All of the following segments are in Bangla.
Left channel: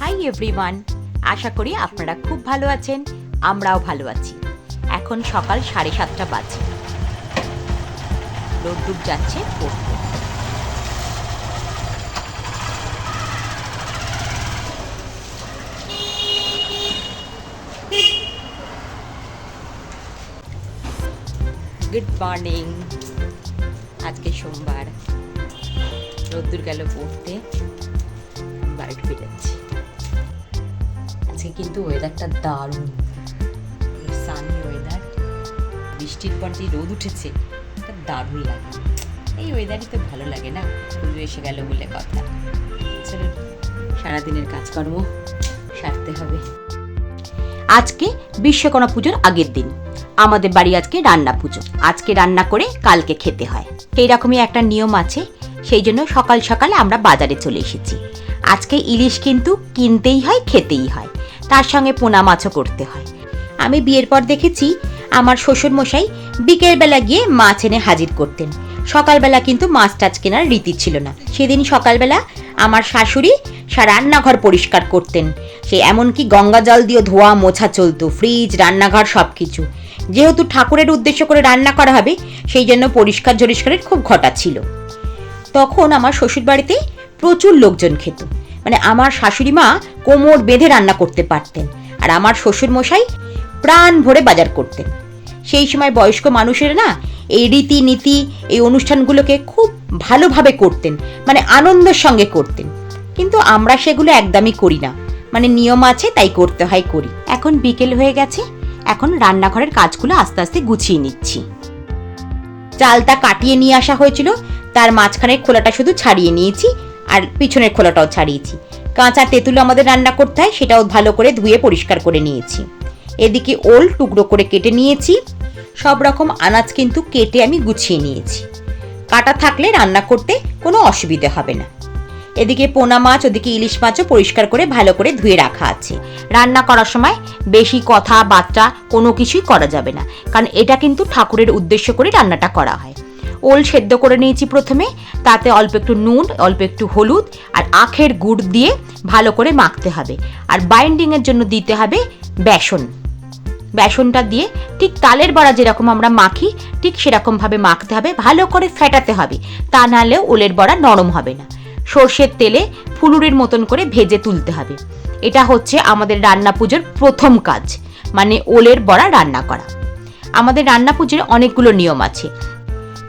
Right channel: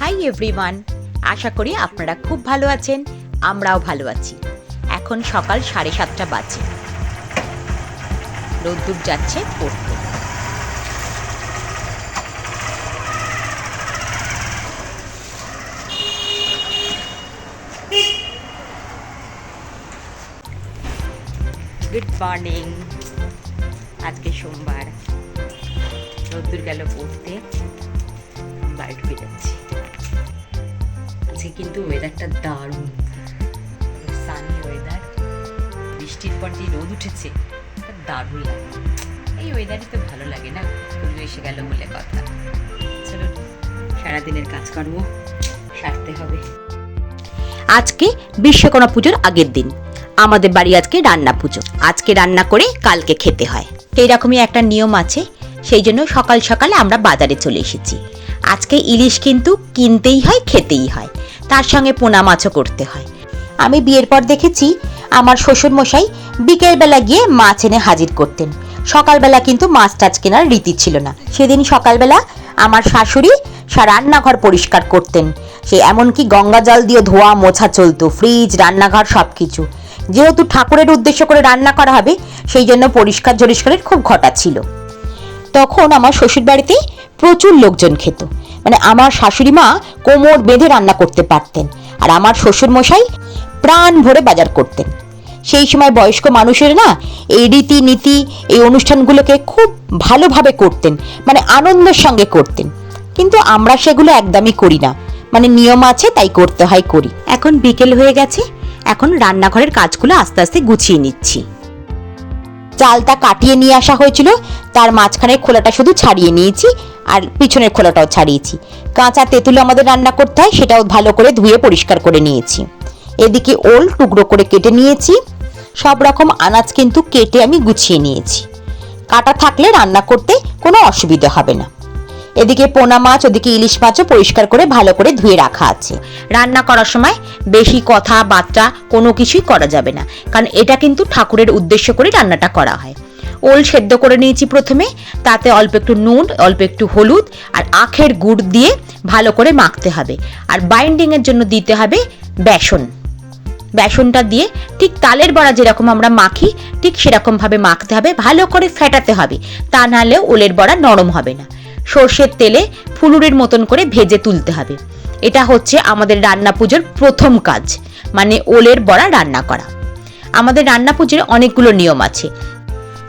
হাই এভরিওয়ান আশা করি আপনারা খুব ভালো আছেন, আমরাও ভালো আছি। এখন সকাল সাড়ে সাতটা বাজে। রোদ্দুর যাচ্ছে পড়তে। গুড মর্নিং আজকে সোমবার। রোদ্দুর গেল পড়তে। বাড়ি ঢুকে যাচ্ছি আজকে কিন্তু ওয়েদারটা দারুণ। সানি ওয়েদার বৃষ্টির পর যে রোদ উঠেছে দারুণ লাগে। এই ওয়েদারই তো ভালো লাগে না? পুজো এসে গেল বলে কথা। চলো, সারাদিনের কাজকর্ম সারতে হবে। আজকে বিশ্বকর্মা পুজোর আগের দিন। আমাদের বাড়ি আজকে রান্না পুজো। আজকে রান্না করে কালকে খেতে হয়। সেই রকমই একটা নিয়ম আছে, সেই জন্য সকাল সকালে আমরা বাজারে চলে এসেছি। আজকে ইলিশ কিন্তু কিনতেই হয়, খেতেই হয়। তার সঙ্গে পোনা মাছও করতে হয়। আমি বিয়ের পর দেখেছি আমার শ্বশুর মশাই বিকেলবেলা গিয়ে মাছ এনে হাজির করতেন। সকালবেলা কিন্তু মাছ টাছ কেনার রীতি ছিল না। সেদিন সকালবেলা আমার শাশুড়ি সা রান্নাঘর পরিষ্কার করতেন। সে এমনকি গঙ্গা জল দিয়ে ধোয়া, মোছা চলতো, ফ্রিজ, রান্নাঘর সব কিছু যেহেতু ঠাকুরের উদ্দেশ্য করে রান্না করা হবে, সেই জন্য পরিষ্কার জরিষ্কারের খুব ঘটা ছিল। তখন আমার শ্বশুর বাড়িতে প্রচুর লোকজন খেত। মানে আমার শাশুড়ি মা কোমর বেঁধে রান্না করতে পারতেন। আর আমার শ্বশুর মশাই প্রাণ ভরে বাজার করতেন। সেই সময় বয়স্ক মানুষের না এই রীতি নীতি এই অনুষ্ঠানগুলোকে খুব ভালোভাবে করতেন মানে আনন্দের সঙ্গে করতেন। কিন্তু আমরা সেগুলো একদমই করি না। মানে নিয়ম আছে, তাই করতে হয়, করি। এখন বিকেল হয়ে গেছে, এখন রান্নাঘরের কাজগুলো আস্তে আস্তে গুছিয়ে নিচ্ছি। চালটা কাটিয়ে নিয়ে আসা হয়েছিল, তার মাঝখানের খোলাটা শুধু ছাড়িয়ে নিয়েছি আর পিছনের খোলাটাও ছাড়িয়েছি। কাঁচা তেঁতুল আমাদের রান্না করতে হয়, সেটাও ভালো করে ধুয়ে পরিষ্কার করে নিয়েছি। এদিকে ওল টুকরো করে কেটে নিয়েছি। সব রকম আনাজ কিন্তু কেটে আমি গুছিয়ে নিয়েছি। কাটা থাকলে রান্না করতে কোনো অসুবিধে হবে না। এদিকে পোনা মাছ, ওদিকে ইলিশ মাছও পরিষ্কার করে ভালো করে ধুয়ে রাখা আছে। রান্না করার সময় বেশি কথা, বার্তা কোনো কিছুই করা যাবে না। কারণ এটা কিন্তু ঠাকুরের উদ্দেশ্য করে রান্নাটা করা হয়। ওল সেদ্ধ করে নিয়েছি প্রথমে। তাতে অল্প একটু নুন, অল্প একটু হলুদ আর আখের গুড় দিয়ে ভালো করে মাখতে হবে। আর বাইন্ডিংয়ের জন্য দিতে হবে বেসন। বেসনটা দিয়ে ঠিক তালের বড়া যেরকম আমরা মাখি, ঠিক সেরকমভাবে মাখতে হবে, ভালো করে ফেটাতে হবে। তা নাহলে ওলের বড়া নরম হবে না। সর্ষের তেলে ফুলুরের মতন করে ভেজে তুলতে হবে। এটা হচ্ছে আমাদের রান্না পুজোর প্রথম কাজ মানে ওলের বড়া রান্না করা। আমাদের রান্না পুজোর অনেকগুলো নিয়ম আছে।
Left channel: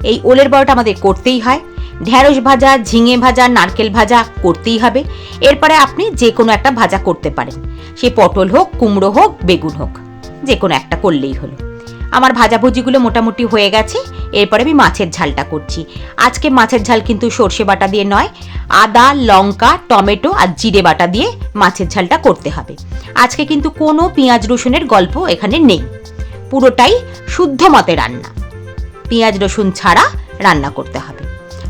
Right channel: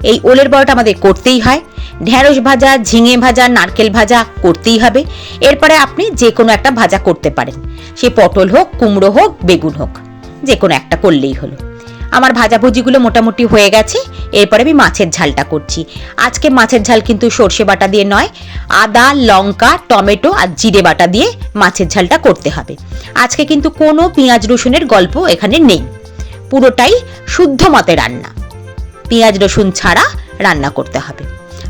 এই ওলের বড়াটা আমাদের করতেই হয়। ঢ্যাঁড়স ভাজা, ঝিঙে ভাজা, নারকেল ভাজা করতেই হবে। এরপরে আপনি যে কোনো একটা ভাজা করতে পারেন। সে পটল হোক, কুমড়ো হোক, বেগুন হোক যে কোনো একটা করলেই হলো। আমার ভাজাভুজিগুলো মোটামুটি হয়ে গেছে। এরপরে আমি মাছের ঝালটা করছি। আজকে মাছের ঝাল কিন্তু সর্ষে বাটা দিয়ে নয়। আদা, লঙ্কা, টমেটো আর জিরে বাটা দিয়ে মাছের ঝালটা করতে হবে। আজকে কিন্তু কোনো পেঁয়াজ রসুনের গল্প এখানে নেই। পুরোটাই শুদ্ধ মতে রান্না। পেঁয়াজ, রসুন ছাড়া রান্না করতে হবে।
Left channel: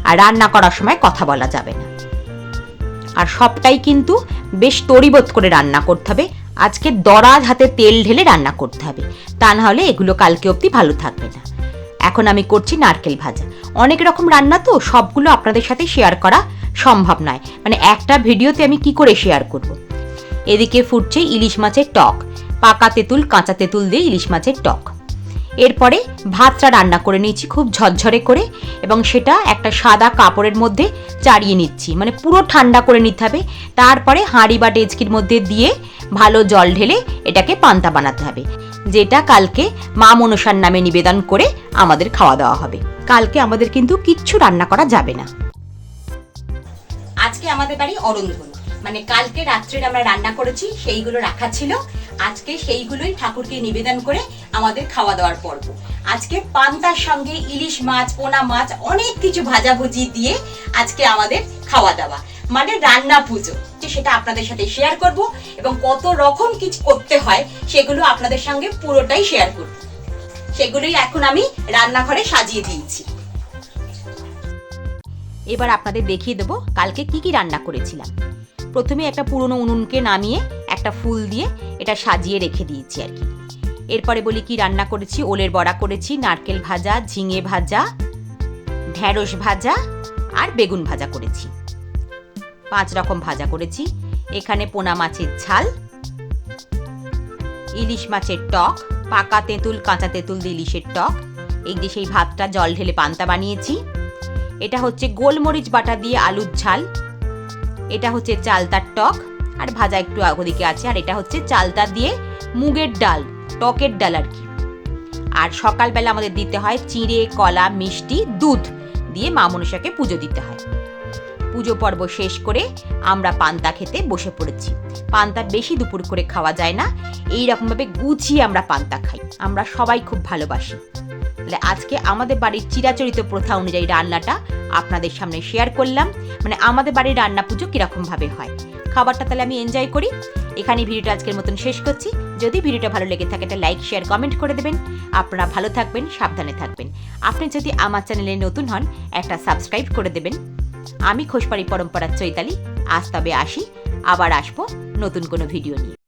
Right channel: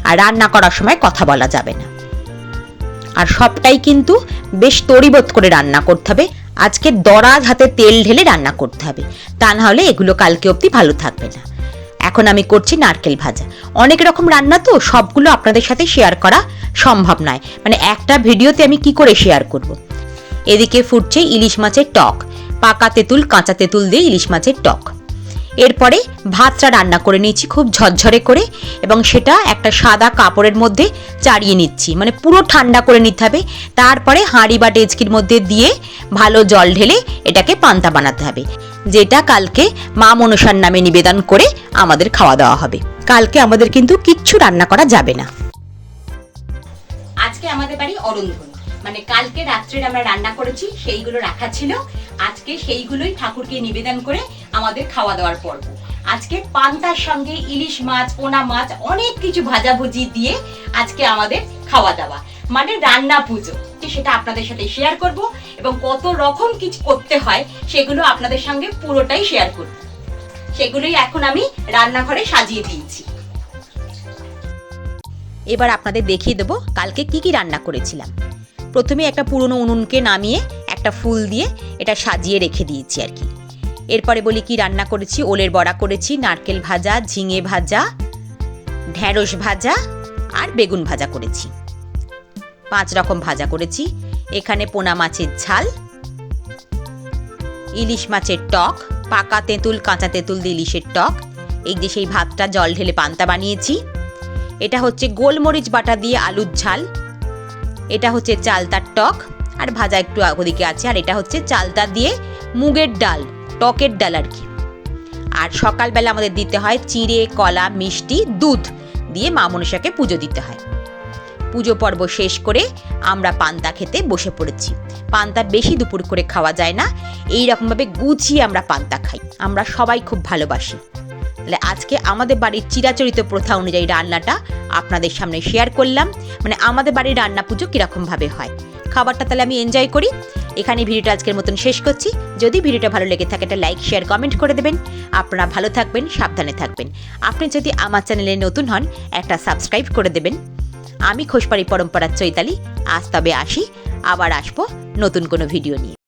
আর রান্না করার সময় কথা বলা যাবে না। আর সবটাই কিন্তু বেশ তরিবোধ করে রান্না করতে হবে। আজকে দরাজ হাতে তেল ঢেলে রান্না করতে হবে। তা না হলে এগুলো কালকে অবধি ভালো থাকবে না। এখন আমি করছি নারকেল ভাজা। অনেক রকম রান্না তো, সবগুলো আপনাদের সাথে শেয়ার করা সম্ভব নয়। মানে একটা ভিডিওতে আমি কি করে শেয়ার করব। এদিকে ফুটছে ইলিশ মাছের টক। পাকা তেঁতুল, কাঁচা তেঁতুল দিয়ে ইলিশ মাছের টক। এরপরে ভাতটা রান্না করে নিয়েছি খুব ঝরঝরে করে এবং সেটা একটা সাদা কাপড়ের মধ্যে চাড়িয়ে নিচ্ছি। মানে পুরো ঠান্ডা করে নিতে হবে। তারপরে হাঁড়ি বা ডেচকির মধ্যে দিয়ে ভালো জল ঢেলে এটাকে পান্তা বানাতে হবে। যেটা কালকে মা মনসার নামে নিবেদন করে আমাদের খাওয়া দাওয়া হবে। কালকে আমাদের কিন্তু কিচ্ছু রান্না করা যাবে না। আজকে আমাদের বাড়ি অরন্ধন মানে কালকে রাত্রে আমরা রান্না করেছি, সেইগুলো রাখা ছিল। আজকে সেইগুলোই ঠাকুরকে নিবেদন করে আমাদের খাওয়া দাওয়ার পর্ব। আজকে পান্তার সঙ্গে ইলিশ মাছ, পোনা মাছ, অনেক কিছু ভাজাভুজি দিয়ে আজকে আমাদের খাওয়া দাওয়া। মানে রান্না পুজো সেটা আপনাদের সাথে শেয়ার করব এবং কত রকম কিছু করতে হয়, সেগুলো আপনাদের সঙ্গে পুরোটাই শেয়ার করব। সেগুলোই এখন আমি রান্নাঘরে সাজিয়ে দিয়েছি। এবার আপনাদের দেখিয়ে দেবো কালকে কি কি রান্না করেছিলাম। প্রথমে একটা পুরনো উনুনকে নামিয়ে একটা ফুল দিয়ে এটা সাজিয়ে রেখে দিয়েছি আর কি। এরপরে বলি কি রান্না করেছি, ওলের বড়া করেছি, নারকেল ভাজা, ঝিঙে ভাজা ঢ্যাঁড়স ভাজা আর বেগুন ভাজা করেছি। পাঁচ রকম ভাজা করেছি, এখানে পোনা মাছের ঝাল, ইলিশ মাছের টক, পাকা তেঁতুল, কাঁচা তেঁতুল দিয়ে ইলিশের টক, এই যে সেই ভাতটা জল ঢেলে পান্তা বানিয়েছি। এটা হচ্ছে গোলমরিচ বাটা দিয়ে আলুর ঝাল এটা হচ্ছে চালতার টক, আর ভাজা একটু ওদিকে আছে, আর এটা হচ্ছে চালতা দিয়ে মুগের ডাল, টকের ডাল আর কি। আর সকালবেলা আমাদের দিতে হয় চিঁড়ে, কলা, মিষ্টি, দুধ দিয়ে মা মনসাকে পুজো দিতে হয়। পুজো পর্ব শেষ করে আমরা পান্তা খেতে বসে পড়েছি। পান্তা বেশি দুপুর করে খাওয়া যায় না, এই রকমভাবে গুছিয়ে আমরা পান্তা খাই। আমরা সবাই খুব ভালোবাসি। তাহলে আজকে আমাদের বাড়ির চিরাচরিত প্রথা অনুযায়ী রান্নাটা আপনাদের সামনে শেয়ার করলাম। মানে আমাদের বাড়ির রান্না পুজো কীরকমভাবে হয়। খাবারটা তাহলে আমি এনজয় করি। এখানে ভিডিওটা আজকের মতন শেষ করছি। যদি ভিডিওটা ভালো লেগে থাকে, একটা লাইক শেয়ার কমেন্ট করে দেবেন। আপনারা ভালো থাকবেন, সাবধানে থাকবেন। আপনি যদি আমার চ্যানেলে নতুন হন, একটা সাবস্ক্রাইব করে দেবেন। আমি খোসপাড়ি পরম্পরার চৈতালি। আজ তবে আসি। আবার আসব নতুন কোনো ভিডিও নিয়ে।